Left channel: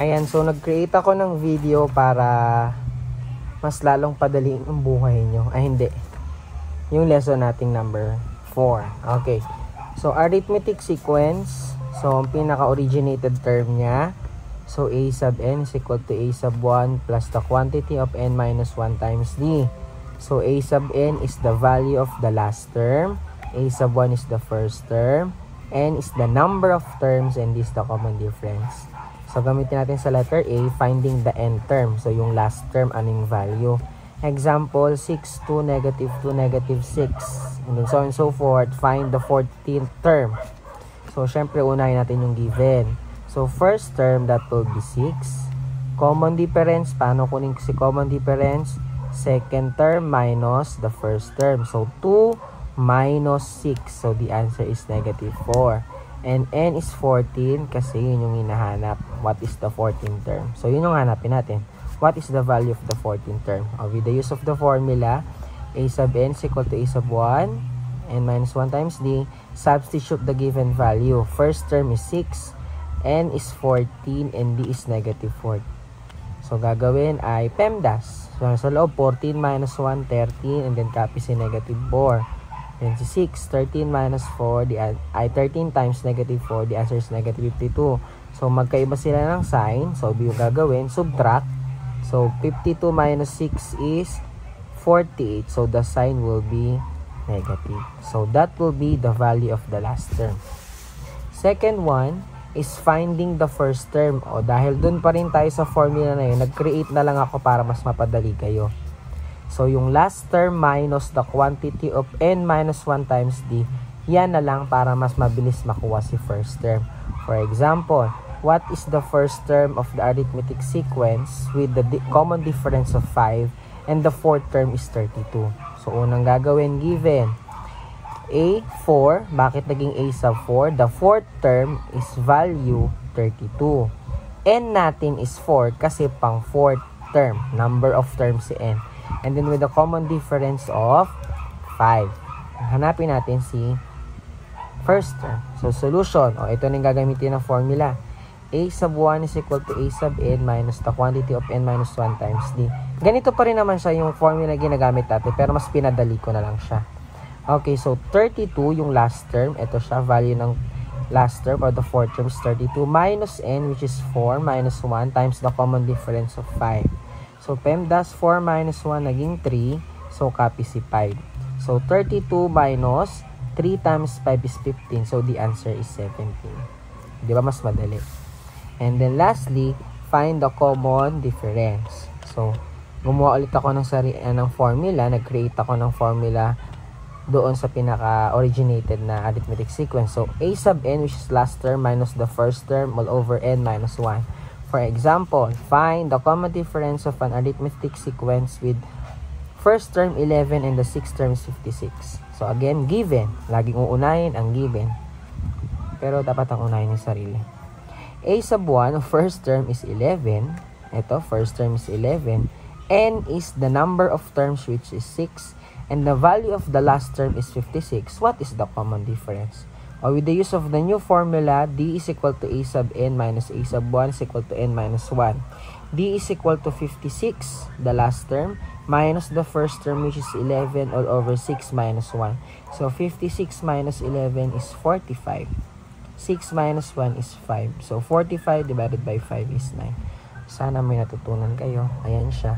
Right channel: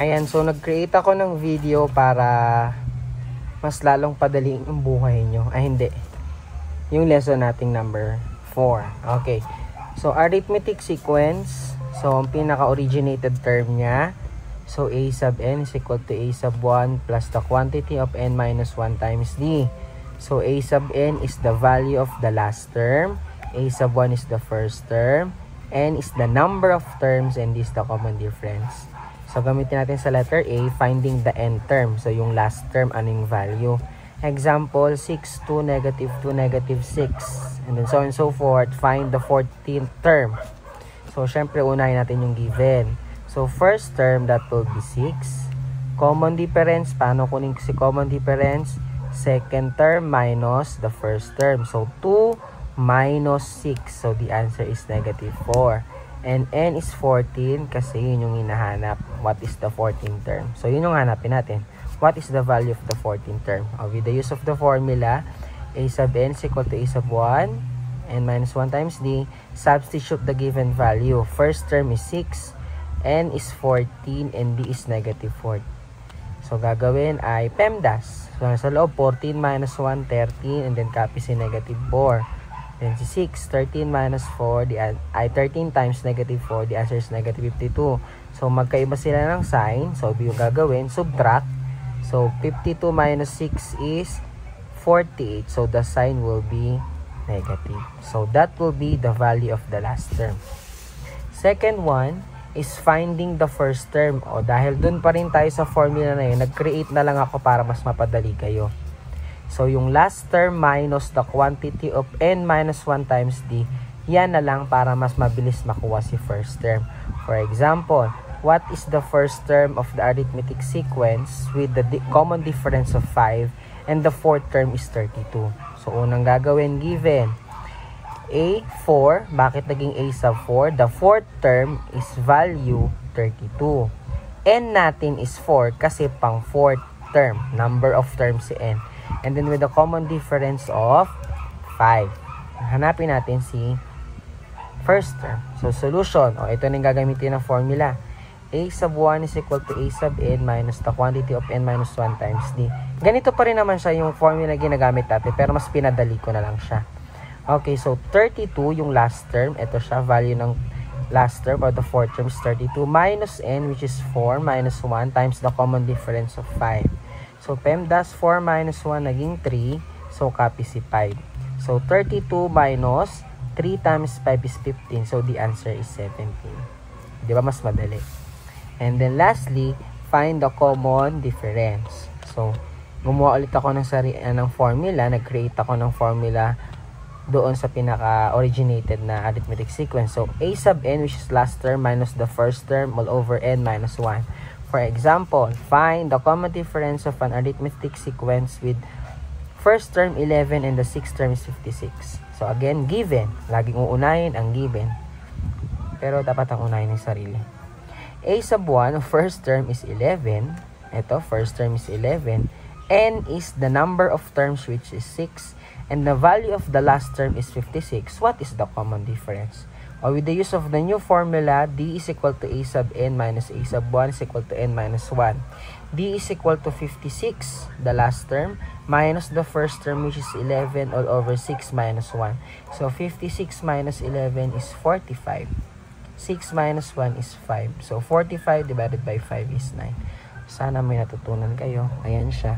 Ayan, so nag-create ako ng video para mas lalong padaliin ang buhay nyo. Ay, hindi. Yung lesson nating number 4. Okay. So, arithmetic sequence. So, ang pinaka-originated term niya. So, a sub n is equal to a sub 1 plus the quantity of n minus 1 times d. So, a sub n is the value of the last term. A sub 1 is the first term. N is the number of terms and this is the common difference. So, gamitin natin sa letter A, finding the n term. So, yung last term, anong value. Example, 6, 2, negative 2, negative 6. And then so on and so forth. Find the 14th term. So, syempre, unahin natin yung given. So, first term, that will be 6. Common difference, paano kunin si common difference? Second term minus the first term. So, 2 minus 6. So, the answer is negative 4. And n is 14 kasi yun yung hinahanap. What is the 14th term? So, yun yung hanapin natin. What is the value of the 14th term? With the use of the formula, a sub n is equal to a sub 1, n minus 1 times d. Substitute the given value. First term is 6, n is 14, and d is negative 4. So, gagawin ay PEMDAS. So, sa loob, 14 minus 1, 13, and then copy si negative 4. Then si 6, 13 minus 4, 13 times negative 4, the answer is negative 52. So, magkaiba sila ng sign. So, yung gagawin, subtract. So, 52 minus 6 is 48. So, the sign will be negative. So, that will be the value of the last term. Second one is finding the first term. O, dahil dun pa rin tayo sa formula na yun, nag-create na lang ako para mas mapadali kayo. So, yung last term minus the quantity of n minus 1 times d, yan na lang para mas mabilis makuha si first term. For example, what is the first term of the arithmetic sequence with the common difference of 5 and the fourth term is 32? So, unang gagawin, given a 4, bakit naging a sub 4? The fourth term is value 32. N natin is 4 kasi pang fourth term, number of terms si n. And then with the common difference of 5. Hanapin natin si first term. So, solution. O, ito na yung gagamitin ng formula. A sub 1 is equal to a sub n minus the quantity of n minus 1 times d. Ganito pa rin naman siya yung formula ginagamit natin, pero mas pinadali ko na lang siya. Okay, so 32 yung last term. Ito siya, value ng last term or the fourth term is 32 minus n, which is 4 minus 1 times the common difference of 5. So, PEMDAS 4 minus 1 naging 3. So, copy si 5. So, 32 minus 3 times 5 is 15. So, the answer is 17. Di ba? Mas madali. And then, lastly, find the common difference. So, gumawa ulit ako ng formula. Nag-create ako ng formula doon sa pinaka-originated na arithmetic sequence. So, a sub n, which is last term, minus the first term all over n minus 1. For example, find the common difference of an arithmetic sequence with first term 11 and the sixth term is 56. So again, given. Laging uunahin ang given. Pero dapat ang unahin ng sarili. A sub 1, first term is 11. Ito, first term is 11. N is the number of terms which is 6. And the value of the last term is 56. What is the common difference? With the use of the new formula, d is equal to a sub n minus a sub 1 is equal to n minus 1. D is equal to 56, the last term, minus the first term which is 11 all over 6 minus 1. So, 56 minus 11 is 45. 6 minus 1 is 5. So, 45 divided by 5 is 9. Sana may natutunan kayo. Ayan siya.